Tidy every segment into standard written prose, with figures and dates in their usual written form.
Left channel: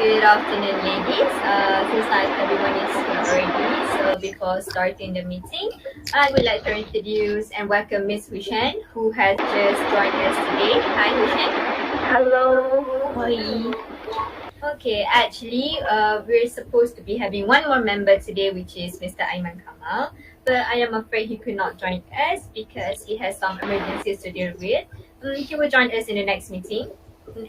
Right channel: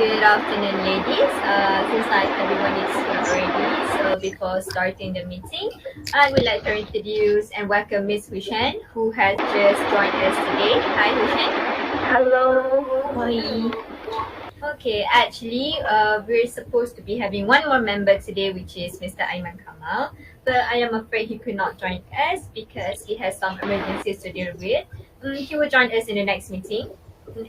Good afternoon, ladies. Seems like everybody's here already. So before starting the meeting, I would like to introduce and welcome Miss Hui Xian, who has just joined us today. Hi, Hui Xian. Hello. Hoi. Okay, actually, we're supposed to be having one more member today, which is Mr. Aiman Kamal. But I am afraid he could not join us because he has some emergencies to deal with. He will join us in the next meeting,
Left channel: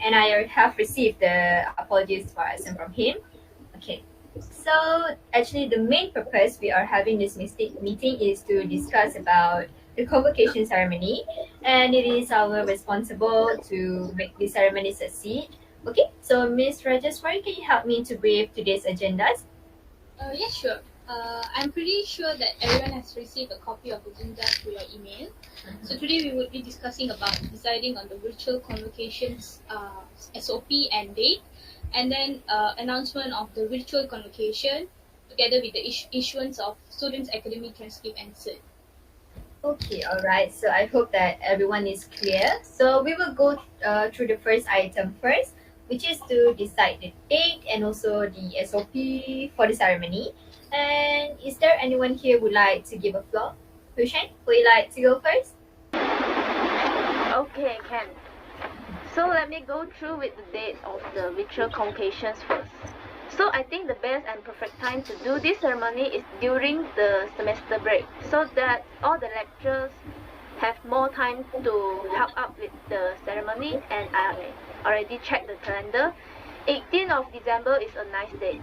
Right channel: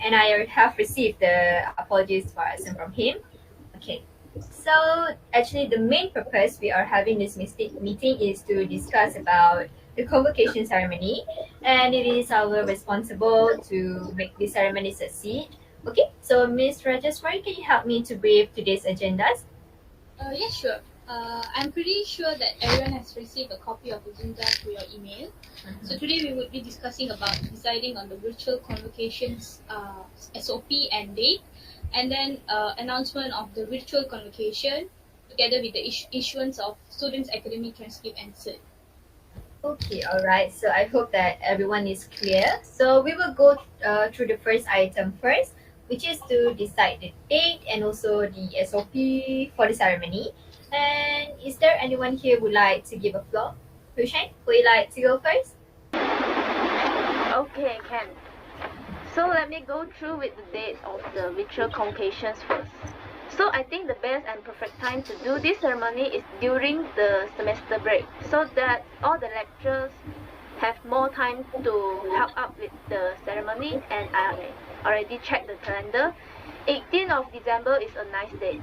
and I have received the apologies for us and from him. Okay, so actually, the main purpose we are having this meeting is to discuss about the convocation ceremony, and it is our responsible to make the ceremony succeed. Okay, so Miss Rajeswari, can you help me to brief today's agendas? Yeah, sure. I'm pretty sure that everyone has received a copy of the agenda through your email. So today we would be discussing about deciding on the virtual convocations SOP and date, and then announcement of the virtual convocation together with the issuance of students' academic transcript and cert. Okay, all right. So I hope that everyone is clear. So we will go through the first item first, which is to decide the date and also the SOP for the ceremony. And is there anyone here who would like to give a floor? Hushain, would you like to go first? Okay, Ken. So let me go through with the date of the virtual convocations first. So I think the best and perfect time to do this ceremony is during the semester break, so that all the lecturers have more time to help out with the ceremony. And I already checked the calendar. 18th of December is a nice date.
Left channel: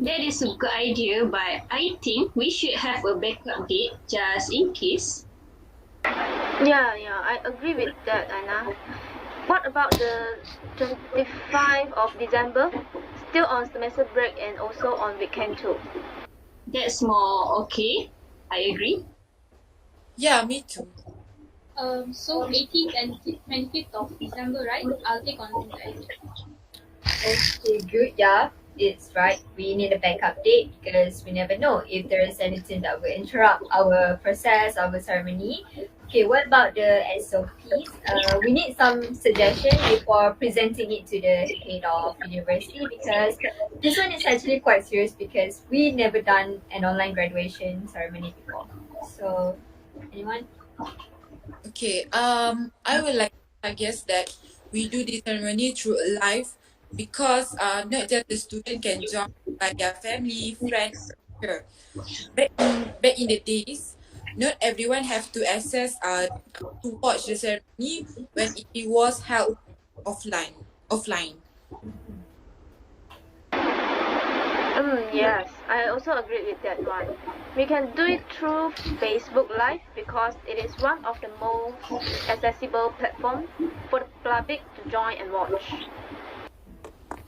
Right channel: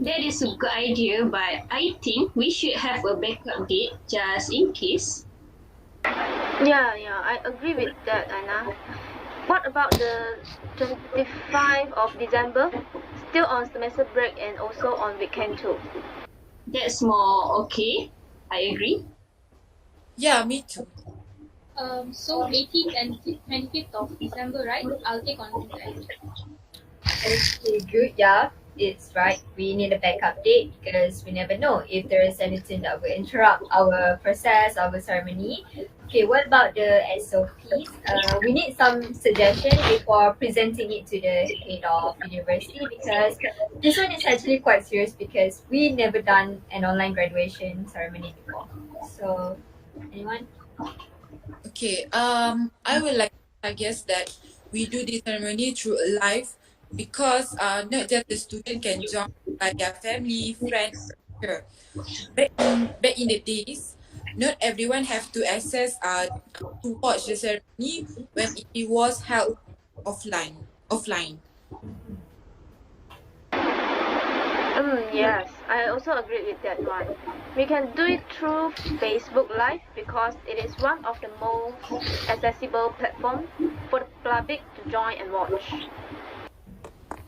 That is a good idea, but I think we should have a backup date just in case. Yeah, I agree with that, Aina. What about the 25th of December? Still on semester break and also on weekend too. That's more okay. I agree. Yeah, me too. So 18th and 25th of December, right? I'll take on that. Okay, good. Yeah, it's right. We need a backup date because we never know if there is anything that will interrupt our process, our ceremony. Okay, what about the SOPs? We need some suggestion before presenting it to the head of university because this one is actually quite serious because we never done an online graduation ceremony before. So, anyone? Okay. I would like to suggest that we do the ceremony through a live because not just the student can join, but their family, friends. Sure. Back in the days, not everyone have to access to watch the ceremony when it was held offline. Yes, I also agree with that one. We can do it through Facebook Live because it is one of the most accessible platforms for the public to join and watch.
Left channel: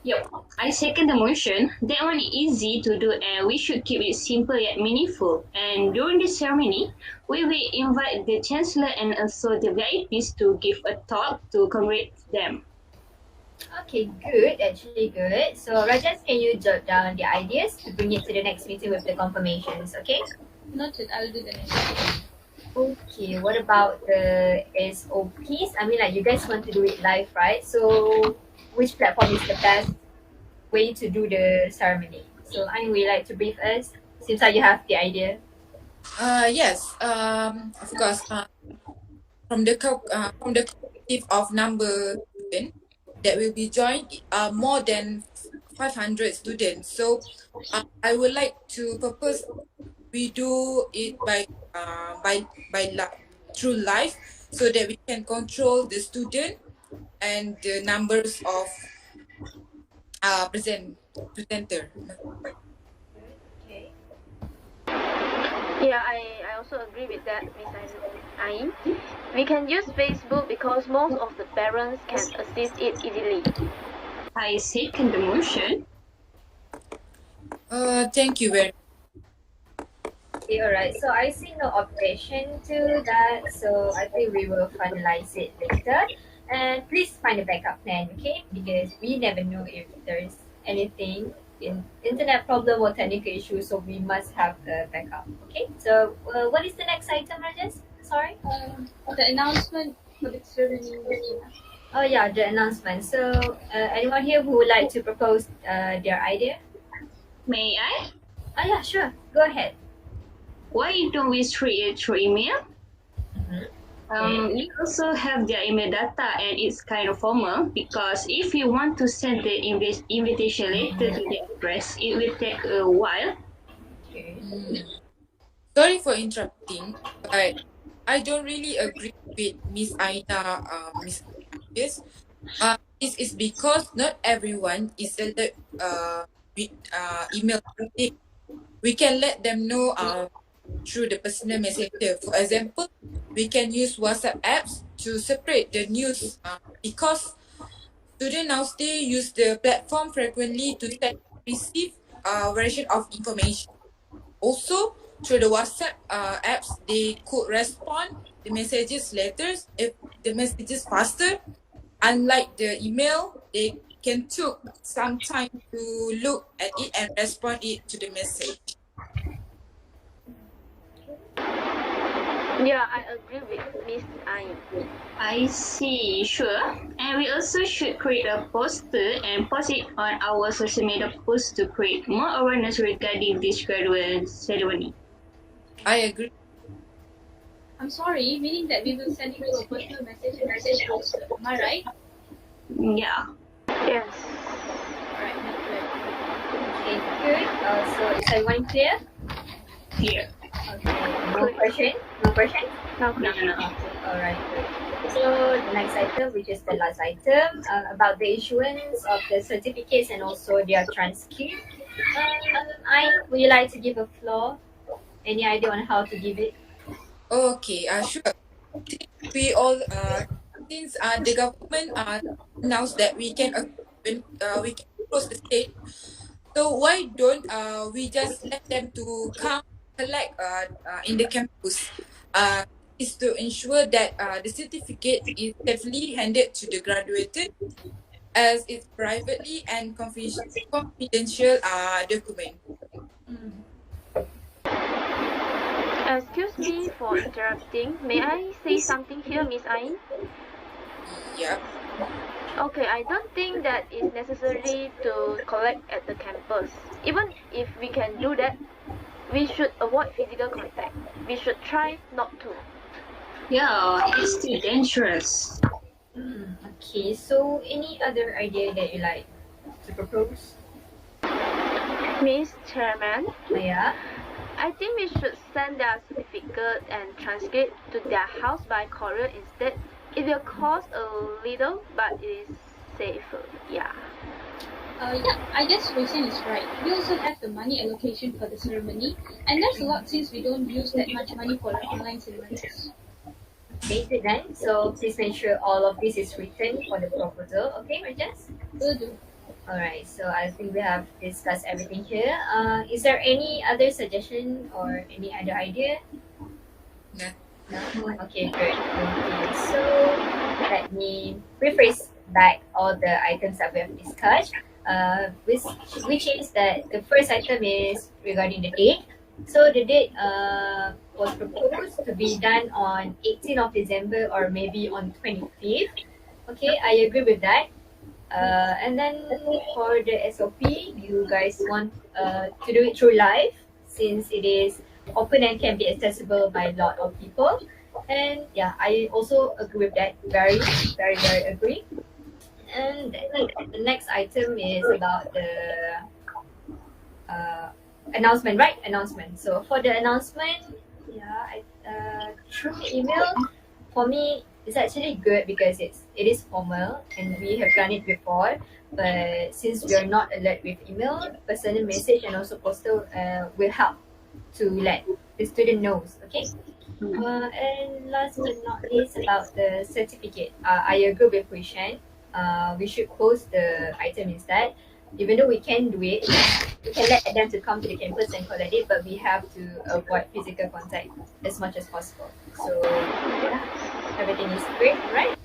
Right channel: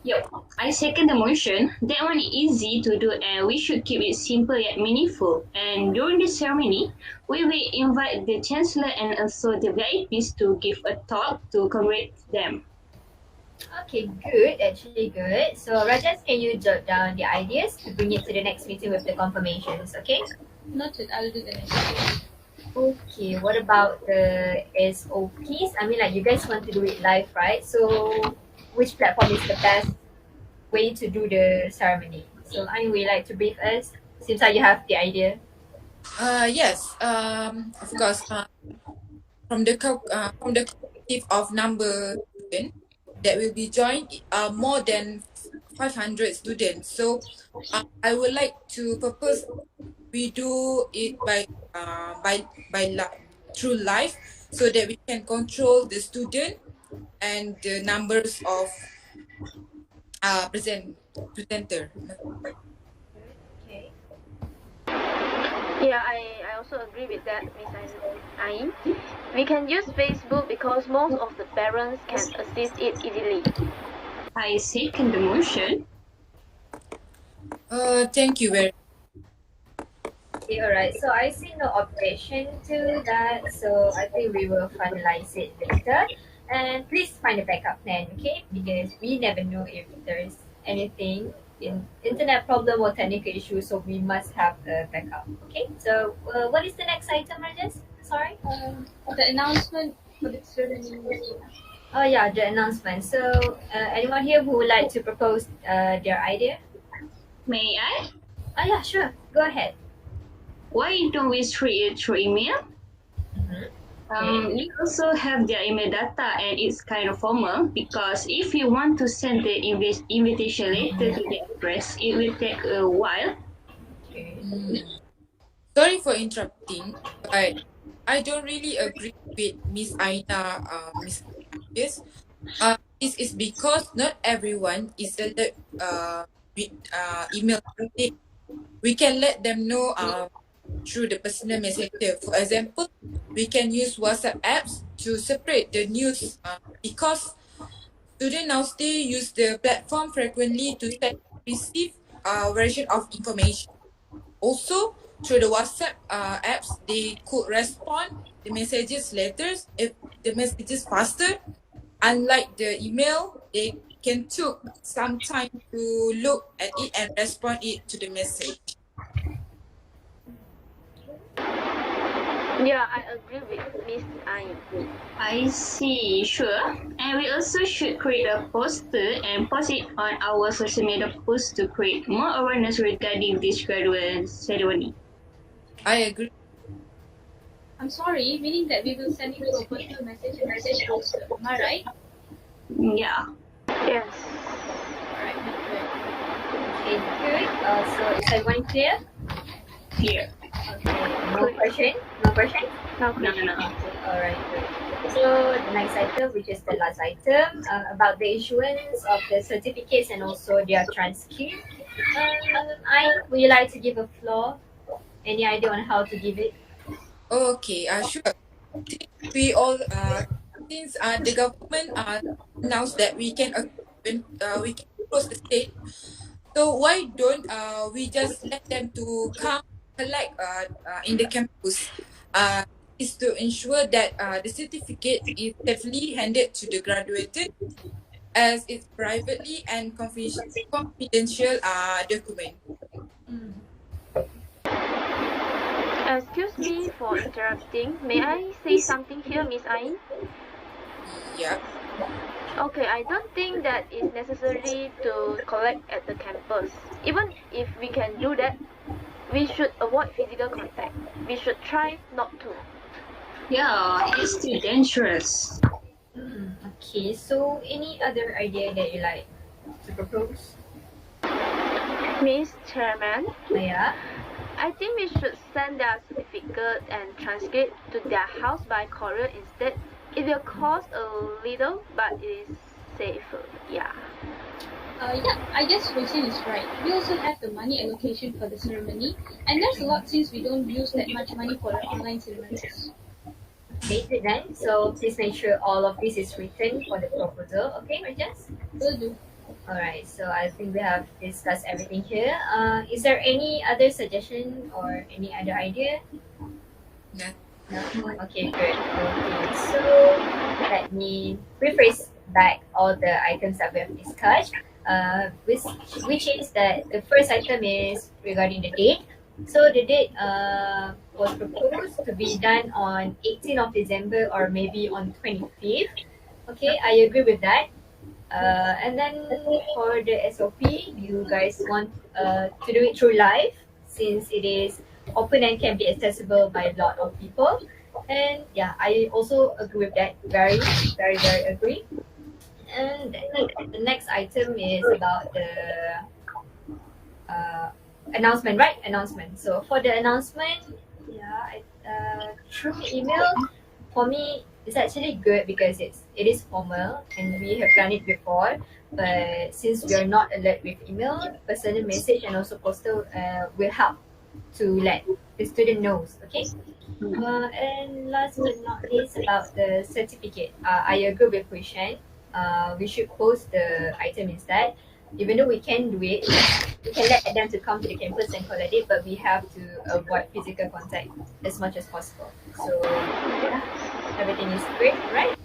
Yep, I second the motion. That one is easy to do and we should keep it simple yet meaningful. And during the ceremony, we will invite the Chancellor and also the VIPs to give a talk to congratulate them. Okay, good. Actually, good. So, Rajas, can you jot down the ideas to bring it to the next meeting with the confirmations? Okay. Noted, I'll do the next. Okay. What about the SOPs? I mean, like you guys want to do it live, right? So, which platform is the best way to do the ceremony? So, I would like to brief us since you have the idea. Yes. Of course. From the collective of number student that will be joined, more than 500 students. So, I would like to propose we do it through live so that we can control the student and the numbers of presenter. Okay. Yeah, I also agree with that, Miss Ain. We can use Facebook because most of the parents can assist it easily. I second the motion. Thank you very Okay, alright. So I see no objection to that. So I think we will finalize it later. And please find a backup plan, okay? Because we never know if there's anything in internet problem or technical issue, so we must have a backup. Okay. So what is the next item, Rajas? Sorry. The announcement for the ceremony. Oh yeah, the announcement. So anyone here who would like to propose their idea? May I? Oh yeah, sure. Go ahead. Why don't we treat it through email? Okay. We also have their email data and it's kind of formal because if you want to send the invitation letter to the address, it will take a while. Okay. Sorry for interrupting, but I don't really agree with Miss Yes. This is because not everyone is alert with email. We can let them know through the personal messenger. For example, we can use WhatsApp apps to separate the news because students now still use the platform frequently to send and receive version of information. Also, through the WhatsApp apps, they could respond the messages letters if the messages faster. Unlike the email, they can took some time to look at it and respond it to the message. Yeah, I agree with Miss Ain. I see, sure. And we also should create a poster and post it on our social media posts to create more awareness regarding this graduation ceremony. I agree. I'm sorry, meaning that we will send it to a personal message and also post it. Am I right? Yeah. Yes. Okay, good. So is everyone clear? Here. Okay. No question? No question? Now, No, no. Alright. So the next item, which is the last item, about the issuance of the certificates and also their transcript. Would you like to give a floor? Any idea on how to give it? Okay, sure. We all since the government announced that we can close the state. So why don't we just let them to come collect in the campus? Is to ensure that the certificate is safely handed to the graduated as it's privately and confidential document. excuse me for interrupting. May I say something here, Miss Ain? Yeah. Okay, I don't think that it's necessary to collect at the campus. Even if we can do that, we should avoid physical contact. We should try not to. Yeah, it's too dangerous. Okay, so any other idea that you like to propose? Miss Chairman, Yeah. I think we should send their certificate and transcript to their house by courier instead. It will cost a little, but it is safer. Yeah. Yeah, I guess Roisin is right. We also have the money allocation for the ceremony, and there's a lot since we don't use that much money for the online ceremonies. Okay, good then. So please make sure all of this is written for the proposal. Okay, Rajas? Will do. Alright, so I think we have discussed everything here. Is there any other suggestion or any other idea? No. No? Okay, good. Okay, so let me rephrase back all the items that we have discussed. Which is that the first item is regarding the date. So the date was proposed to be done on 18th of December or maybe on 25th. Okay, I agree with that. And then for the SOP, you guys want to do it through live since it is open and can be accessible by a lot of people. And yeah, I also agree with that. Very, very, very agree. And the next item is about the announcement, right? Announcement. So for the announcement, yeah, through email, for me, it's actually good because it is formal and we have done it before. But since we are not alert with email, personal message and also postal will help to let the student knows. Okay. And last but not least, about the certificate, I agree with Hui. We should post the item instead. Even though we can do it, we can let them to come to the campus and collect it, but we have to avoid physical contact as much as possible. So yeah, everything is great, right?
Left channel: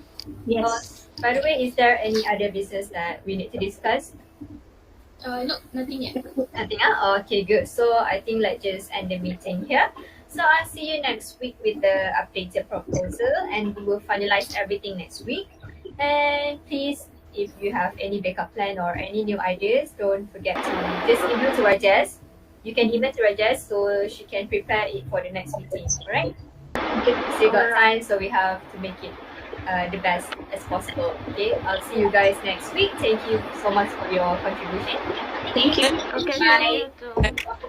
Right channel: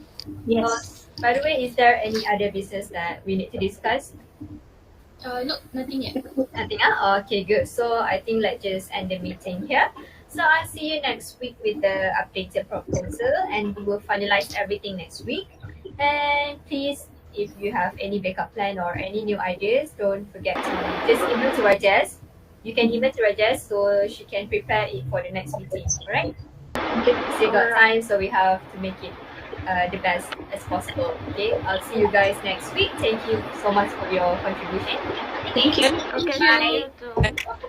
Yes. By the way, is there any other business that we need to discuss? No, nothing yet. Nothing. Okay, good. So I think let's just end the meeting here. So I'll see you next week with the updated proposal, and we will finalize everything next week. And please, if you have any backup plan or any new ideas, don't forget to just email to Rajes. You can email to Rajes so she can prepare it for the next meeting. Alright? Still got time, so we have to make it the best as possible. Okay, I'll see you guys next week. Thank you so much for your contribution. Thank you. Okay, Bye. thank you too.